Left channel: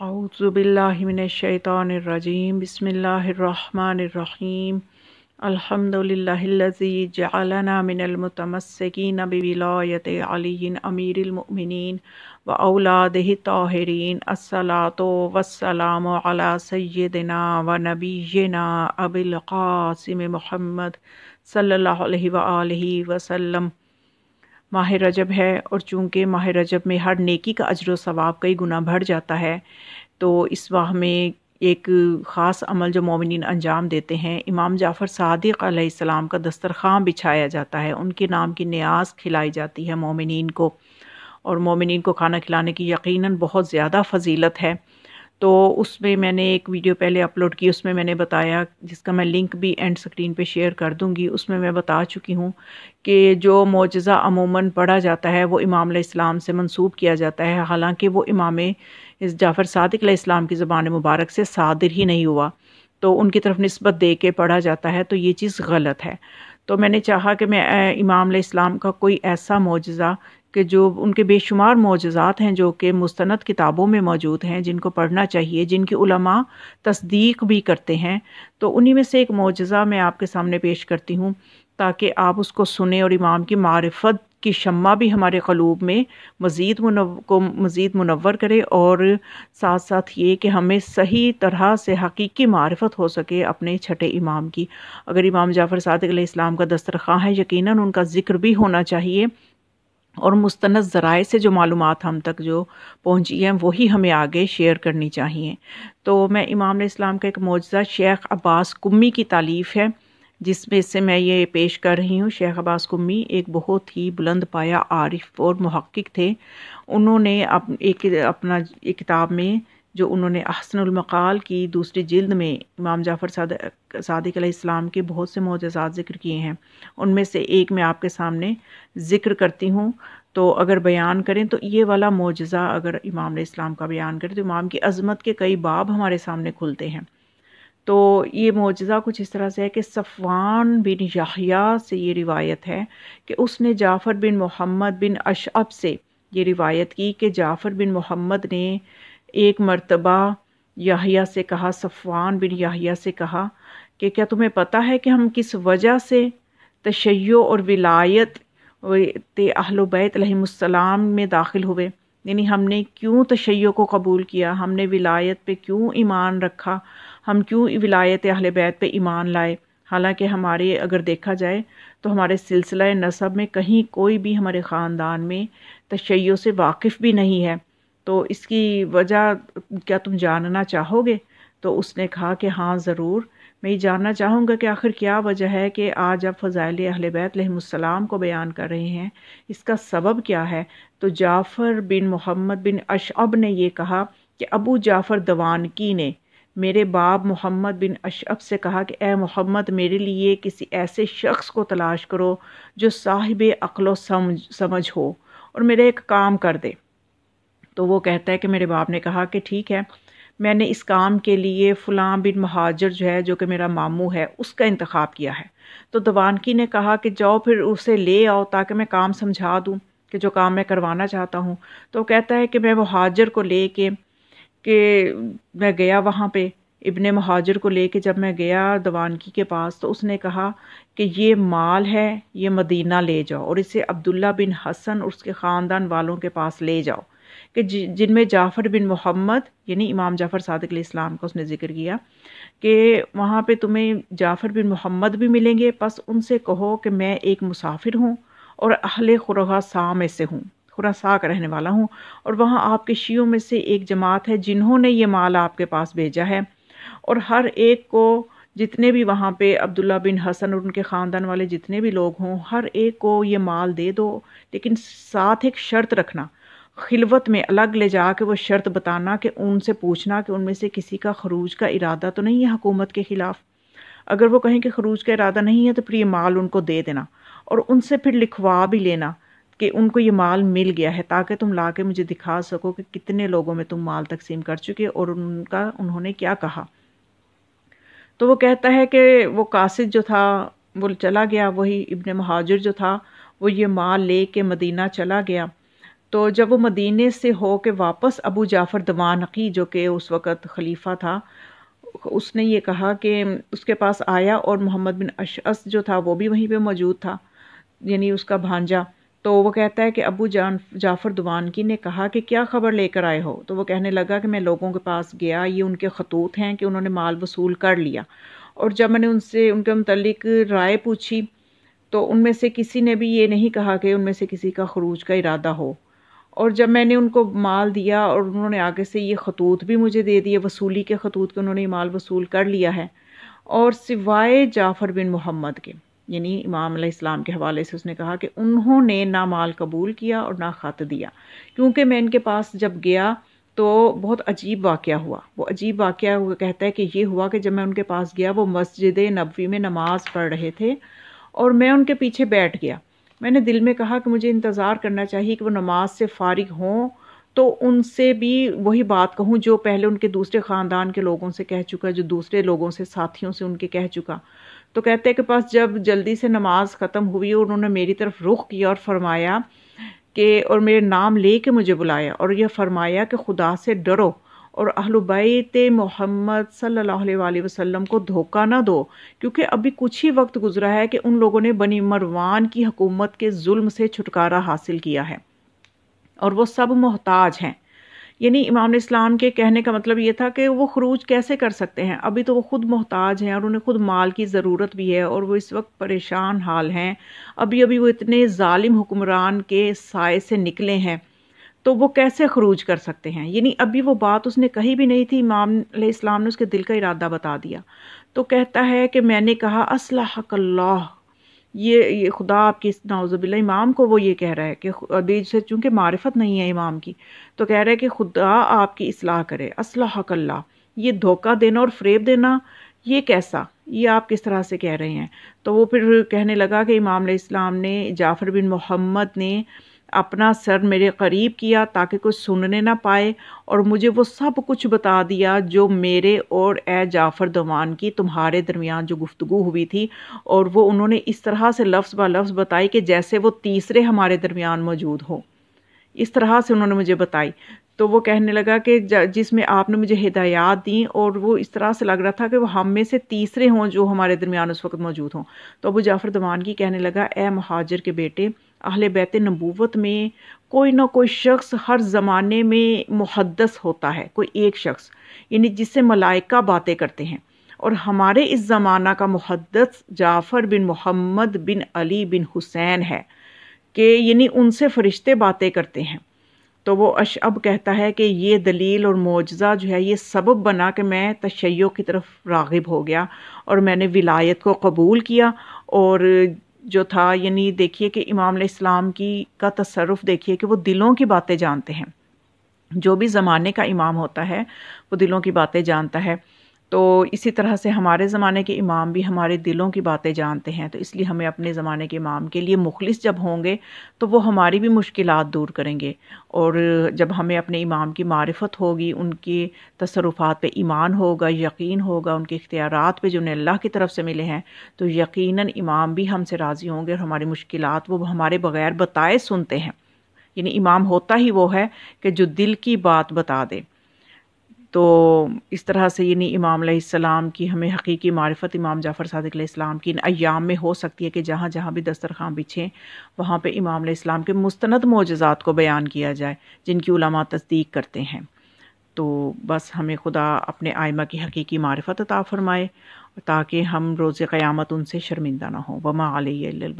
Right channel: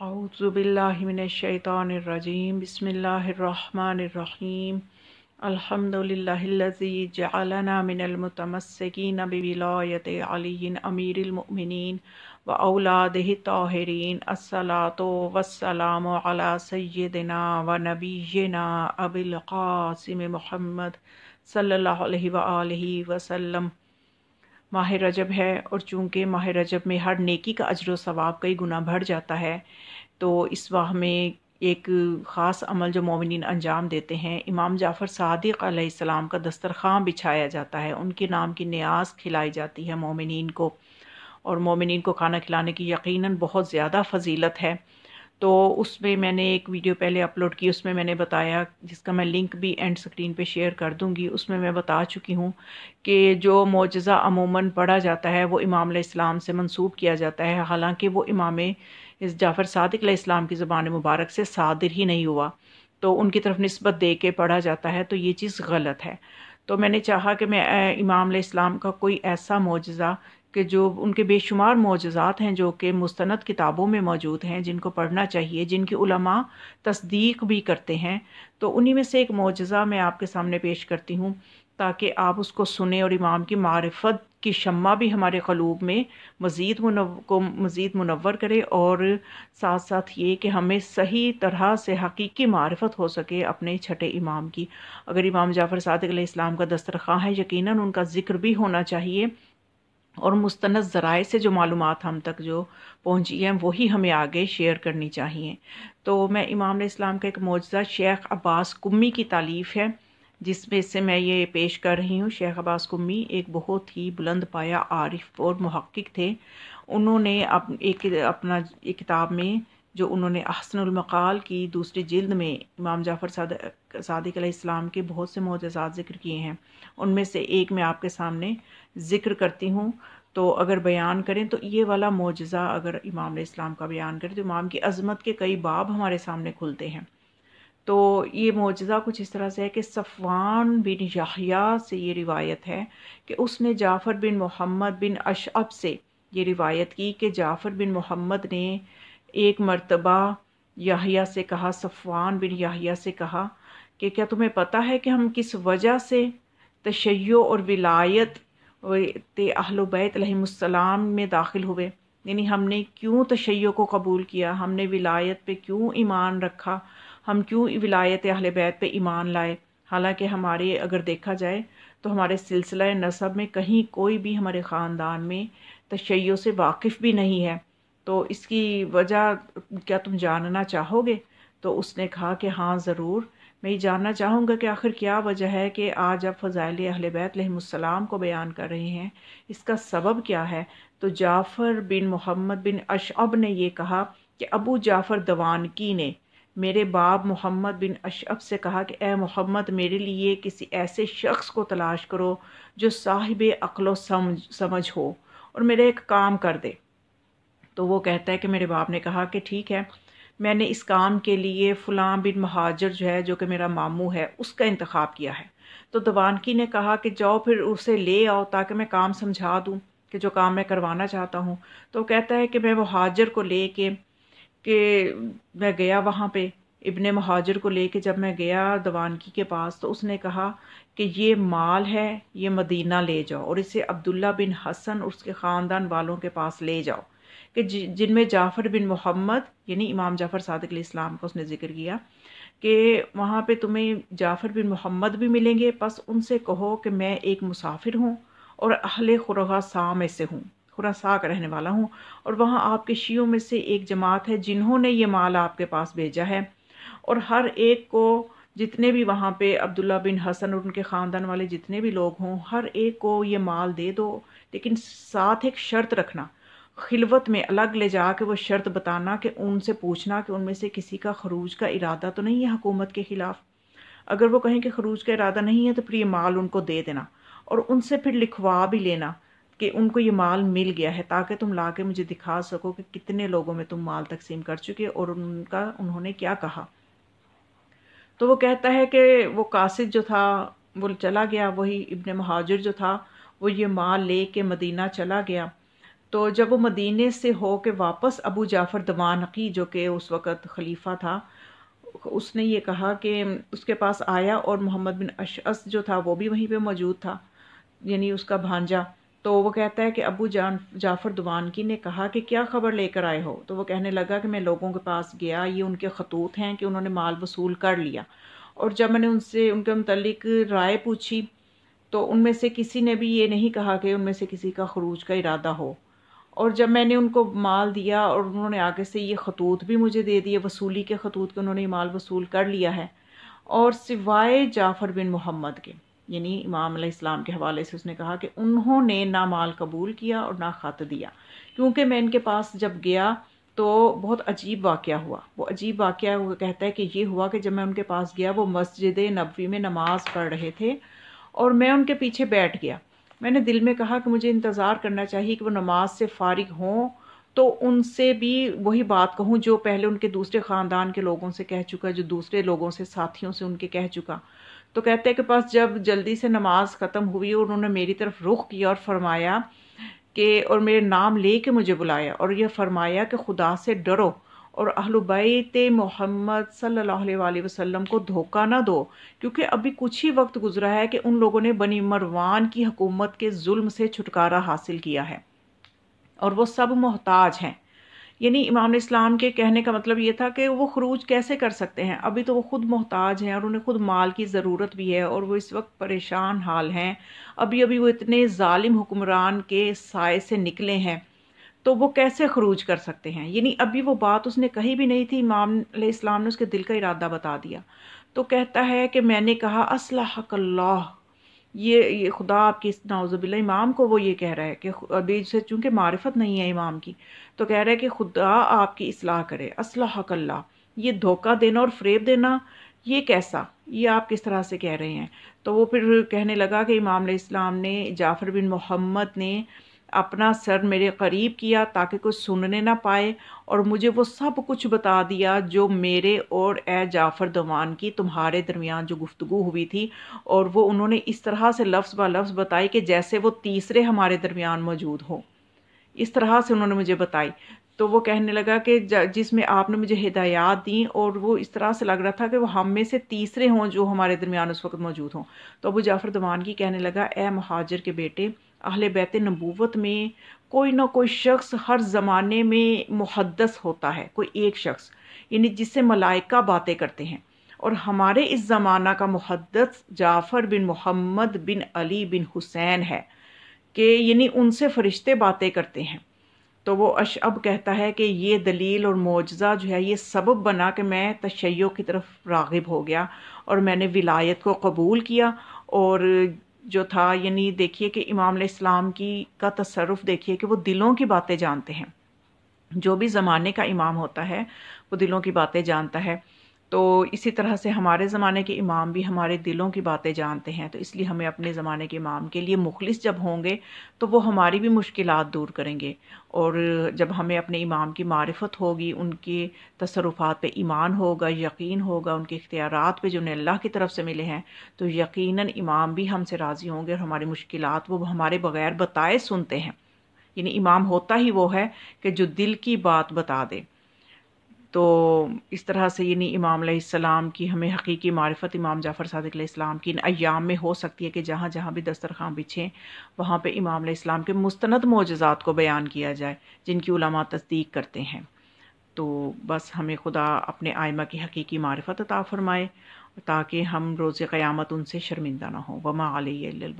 اعوذ باللہ من الشیطان الرجیم بسم اللہ الرحمن الرحیم الحمد للہ الذی جعلنا من المتمسکین بولایت علی امیر المؤمنین و اولادہ الطاہرین الصلاۃ والسلام علی سیدنا و نبینا ابی القاسم محمد صلی اللہ علیہ وآلہ وسلم۔ ماہ رجب ہے اور چونکہ ماہ رجب میں ہر نیکی کا اجر و ثواب کئی گنا بڑھ جاتا ہے، تو اس ماہ میں ایک خاص عمل جو مومنین انجام دیتے ہیں، امام جعفر صادق علیہ السلام کا دسترخوان بچھایا جاتا ہے، ان کے نام کی نیاز کھلائی جاتی ہے مومنین کو، اور مومنین کو کھانا کھلانے کی یقیناً بہت زیادہ فضیلت ہے۔ تو اس میں میں نے ایک ویڈیو پہلے اپلوڈ کی، اس میں میں نے بتایا، جس کا میں لنک بھی اینڈ سکرین پہ شیئر کر دوں گی، اس میں بتا چکی ہوں کہ جو معجزہ عموماً پڑھا جاتا ہے وہ امام علیہ السلام سے منسوب کیا جاتا ہے، حالانکہ وہ امام جعفر صادق علیہ السلام کی زبان مبارک سے صادر ہی نہیں ہوا، تو ان کی طرف نسبت دے کے پڑھا جاتا ہے، تو یہ چیز غلط ہے۔ تو میں نے چاہا کہ میں امام علیہ السلام کا کوئی ایسا معجزہ کہ جو ان کے بے شمار معجزات ہیں جو کہ مستند کتابوں میں موجود ہیں، جن کو پڑھنا چاہیے، جن کی علماء تصدیق بھی کرتے ہیں، تو انہی میں سے ایک معجزہ میں آپ کے سامنے پیش کرتی ہوں تاکہ آپ اس کو سنیں اور امام کی معرفت کی شمع بھی ہمارے قلوب میں مزید منور کرے، اور ساتھ ساتھ یہ کہ ہمیں صحیح طرح سے حقیقی معرفت ہو سکے اپنے چھٹے امام کی۔ اگر امام جعفر صادق علیہ السلام کا دسترخوان ہے، یقیناً ان کا ذکر بھی ہونا چاہیے، اور مستند ذرائع سے جو معلومات ہم تک جو پہنچی ہیں وہی ہمیں آگے شیئر کرنی چاہیے۔ تو میں امام علیہ السلام کا ایک معجزہ شیخ عباس قمی کی تالیف ہے، جس میں سے میں یہ پیش کر رہی ہوں۔ شیخ عباس قمی ایک بہت ہی بلند پایہ عارف اور محقق تھے۔ انہوں نے ایک کتاب میں جو انہوں نے احسن المقال کی دوسری جلد میں امام جعفر صادق علیہ السلام کے بہت سے معجزات ذکر کیے ہیں، ان میں سے ایک میں آپ کے سامنے ذکر کرتی ہوں۔ تو اگر بیان کریں تو یہ والا معجزہ اگر امام علیہ السلام کا بیان کریں تو امام کی عظمت کے کئی باب ہمارے سامنے کھلتے ہیں۔ تو یہ معجزہ کچھ اس طرح سے ہے کہ صفوان بن یحییٰ سے یہ روایت ہے کہ اس نے جعفر بن محمد بن اشعب سے یہ روایت کی کہ جعفر بن محمد نے ایک مرتبہ یحییٰ سے کہا، صفوان بن یحییٰ سے کہا کہ کیا تمہیں پتہ ہے کہ ہم کس وجہ سے تشیع اور ولایت اہل بیت علیہم السلام میں داخل ہوئے؟ یعنی ہم نے کیوں تشیع کو قبول کیا، ہم نے ولایت پہ کیوں ایمان رکھا، ہم کیوں ولایت اہل بیت پہ ایمان لائے، حالانکہ ہمارے اگر دیکھا جائے تو ہمارے سلسلہ نسب میں کہیں کوئی بھی ہمارے خاندان میں تشیع سے واقف بھی نہیں ہے، تو اس کی وجہ کیا تم جاننا چاہو گے؟ تو اس نے کہا کہ ہاں ضرور، میں یہ جاننا چاہوں گا کہ آخر کیا وجہ ہے کہ آج آپ فضائل اہل بیت علیہم السلام کو بیان کر رہے ہیں، اس کا سبب کیا ہے؟ تو جعفر بن محمد بن اشعب نے یہ کہا کہ ابو جعفر دوانکی نے میرے باپ محمد بن اشعب سے کہا کہ اے محمد، میرے لیے کسی ایسے شخص کو تلاش کرو جو صاحب عقل و سمجھ ہو اور میرے ایک کام کر دے۔ تو وہ کہتا ہے کہ میرے باپ نے کہا کہ ٹھیک ہے، میں نے اس کام کے لیے فلاں بن مہاجر جو ہے، جو کہ میرا ماموں ہے، اس کا انتخاب کیا ہے۔ تو دوانکی نے کہا کہ جاؤ پھر اسے لے آؤ تاکہ میں کام سمجھا دوں کہ جو کام میں کروانا چاہتا ہوں۔ تو کہتا ہے کہ میں مہاجر کو لے کے کہ میں گیا وہاں پہ، ابن مہاجر کو لے کے جب میں گیا دوانکی کے پاس، تو اس نے کہا کہ یہ مال ہے، یہ مدینہ لے جاؤ اور اسے عبداللہ بن حسن اور اس کے خاندان والوں کے پاس لے جاؤ، کہ جن میں جعفر بن محمد یعنی امام جعفر صادق علیہ السلام کا اس نے ذکر کیا کہ وہاں پہ تمہیں جعفر بن محمد بھی ملیں گے، پس ان سے کہو کہ میں ایک مسافر ہوں اور اہل خراساں میں سے ہوں، خراساں کا رہنے والا ہوں، اور وہاں آپ کے شیعوں میں سے ایک جماعت ہے جنہوں نے یہ مال آپ کے پاس بھیجا ہے، اور ہر ایک کو، جتنے بھی وہاں پہ عبداللہ بن حسن اور ان کے خاندان والے جتنے بھی لوگ ہوں، ہر ایک کو یہ مال دے دو، لیکن ساتھ ایک شرط رکھنا، خلوت میں الگ لے جا کے وہ شرط بتانا کہ ان سے پوچھنا کہ ان میں سے کسی کا خروج کا ارادہ تو نہیں ہے حکومت کے خلاف۔ اگر وہ کہیں کہ خروج کا ارادہ نہیں ہے تو پھر یہ مال ان کو دے دینا، اور ان سے پھر لکھوا بھی لینا کہ ان کو یہ مال مل گیا ہے، تاکہ تم لا کے مجھے دکھا سکو کہ کتنے لوگوں میں تم مال تقسیم کر چکے اور انہوں نے کیا کہا۔ تو وہ کہتا ہے کہ وہ قاصد جو تھا وہ چلا گیا، وہی ابن مہاجر جو تھا وہ یہ مال لے کے مدینہ چلا گیا۔ تو جب وہ مدینے سے ہو کے واپس ابو جعفر دمانقی جو کہ اس وقت خلیفہ تھا، اس نے یہ کہا کہ اس کے پاس آیا، اور محمد بن اشعث جو تھا وہ بھی وہیں پہ موجود تھا، یعنی اس کا بھانجا۔ تو وہ کہتا ہے کہ ابو جعفر دوانکی نے کہا کہ کیا خبر لے کر آئے ہو؟ تو وہ کہنے لگا کہ میں لوگوں کے پاس گیا، یہ ان کے خطوط ہیں کہ انہوں نے مال وصول کر لیا، اور جب میں نے ان سے ان کے متعلق رائے پوچھی تو ان میں سے کسی نے بھی یہ نہیں کہا کہ ان میں سے کسی کا خروج کا ارادہ ہو، اور جب میں نے ان کو مال دیا اور انہوں نے آگے سے یہ خطوط بھی مجھے دے دیے، وصولی کے خطوط کہ انہوں نے یہ مال وصول کر لیا ہے، اور سوائے جعفر بن محمد کے، یعنی امام علیہ السلام کے حوالے سے اس نے کہا کہ انہوں نے نہ مال قبول کیا اور نہ خط دیا، کیونکہ میں ان کے پاس جب گیا تو بہت عجیب واقعہ ہوا۔ وہ عجیب واقعہ وہ کہتا ہے کہ یہ ہوا کہ جب میں ان کے پاس گیا، وہ مسجد نبوی میں نماز پڑھ رہے تھے اور میں ان کے پیچھے بیٹھ گیا۔ میں نے دل میں کہا کہ مجھے انتظار کرنا چاہیے کہ وہ نماز سے فارغ ہوں تو ان سے بھی وہی بات کہوں جو پہلے ان کے دوسرے خاندان کے لوگوں سے کہہ چکا، جو دوسرے لوگوں سے، ساتھیوں سے ان کے کہہ چکا۔ تو کہتے ہیں کہ پاس جب جلدی سے نماز ختم ہوئی اور انہوں نے میری طرف رخ کیا اور فرمایا کہ، اور میرے نام لے کے مجھے بلایا اور یہ فرمایا کہ خدا سے ڈرو اور اہل بیت محمد صلی اللہ علیہ وآلہ وسلم کو دھوکہ نہ دو، کیونکہ ابھی کچھ ہی وقت گزرا ہے کہ ان لوگوں نے بنی مروان کی حکومت کے ظلم سے چھٹکارا حاصل کیا ہے اور وہ سب محتاج ہیں۔ یعنی امام اسلام کے کہنے کا مطلب یہ تھا کہ وہ خروج کیسے کر سکتے ہیں، ابھی تو وہ خود محتاج ہیں اور انہیں خود مال کی ضرورت بھی ہے، اور وہ اس وقت پریشان حال ہیں، ابھی وہ اتنے ظالم حکمران کے سائے سے نکلے ہیں، تو وہ کیسے خروج کر سکتے ہیں؟ یعنی ابھی وہ بات اس نے کہی بھی نہیں تھی، امام علیہ السلام نے اس کے دل کا ارادہ بتا دیا۔ تو کہتا ہے کہ میں نے کہا اصلحک اللہ، یہ خدا آپ کی، نعوذ باللہ، امام کو وہ یہ کہہ رہا ہے کہ ابھی سے چونکہ معرفت نہیں ہے امام کی، تو کہہ رہا ہے کہ خدا آپ کی اصلاح کرے، اصلحک اللہ، یہ دھوکہ دینا اور فریب دینا یہ کیسا، یہ آپ کس طرح سے کہہ رہے ہیں؟ تو وہ پھر کہنے لگا کہ امام علیہ السلام نے، جعفر بن محمد نے اپنا سر میرے قریب کیا تاکہ کوئی سننے نہ پائے، اور مجھے وہ سب کچھ بتا دیا جو میرے اور اے جعفر دوان کی تمہارے درمیان جو گفتگو ہوئی تھی، اور وہ انہوں نے اس طرح سے لفظ با لفظ بتائی کہ جیسے وہ تیسرے ہمارے درمیان موجود ہو، اس طرح سے انہوں نے مجھے بتائی۔ تو وہ کہنے لگا کہ جس میں آپ نے مجھے ہدایات دیں، اور وہ اس طرح سے لگ رہا تھا کہ وہ ہم میں سے تیسرے ہوں جو ہمارے درمیان اس وقت موجود ہوں۔ تو ابو جعفر دوانکی کہنے لگا، اے مہاجر کے بیٹے، اہل بیت نبوت میں کوئی نہ کوئی شخص ہر زمانے میں محدث ہوتا ہے، کوئی ایک شخص، یعنی جس سے ملائکہ باتیں کرتے ہیں، اور ہمارے اس زمانہ کا محدث جعفر بن محمد بن علی بن حسین ہے، کہ یعنی ان سے فرشتے باتیں کرتے ہیں۔ تو وہ اشعب کہتا ہے کہ یہ دلیل اور معجزہ جو ہے یہ سبب بنا کہ میں تشیع کی طرف راغب ہو گیا اور میں نے ولایت کو قبول کیا، اور جو تھا، یعنی دیکھیے کہ امام علیہ السلام کا تصرف دیکھیے کہ وہ دلوں کی باتیں جانتے ہیں، جو بھی زمانے کا امام ہوتا ہے وہ دلوں کی باتیں جانتا ہے۔ تو اسی طرح سے ہمارے زمانے کے امام بھی ہمارے دلوں کی باتیں جانتے ہیں، تو اس لیے ہمیں اپنے زمانے کے امام کے لیے مخلص جب ہوں گے تو وہ ہماری بھی مشکلات دور کریں گے، اور جب ہمیں اپنے امام کی معرفت ہوگی، ان کے تصرفات پہ ایمان ہوگا، یقین ہوگا، ان کے اختیارات پہ جو انہیں اللہ کی طرف سے ملے ہیں، تو یقیناً امام بھی ہم سے راضی ہوں گے، اور ہماری مشکلات وہ ہمارے بغیر بتائے سنتے ہیں۔ یعنی امام ہوتا ہی وہ ہے کہ جو دل کی بات بتا دے۔ تو اس طرح سے یعنی امام علیہ السلام کی ہمیں حقیقی معرفت امام جعفر صادق علیہ السلام کی ان ایام میں ہو سکتی ہے کہ جہاں جہاں بھی دسترخوان بچھیں وہاں پہ امام علیہ السلام کے مستند معجزات کو بیان کیا جائے جن کی علماء تصدیق کرتے ہیں۔ تو بس ہمیں خدا اپنے آئمہ کی حقیقی معرفت عطا فرمائے تاکہ ہم روز قیامت ان سے شرمندہ نہ ہوں۔ وما علیہ الا البلاغ۔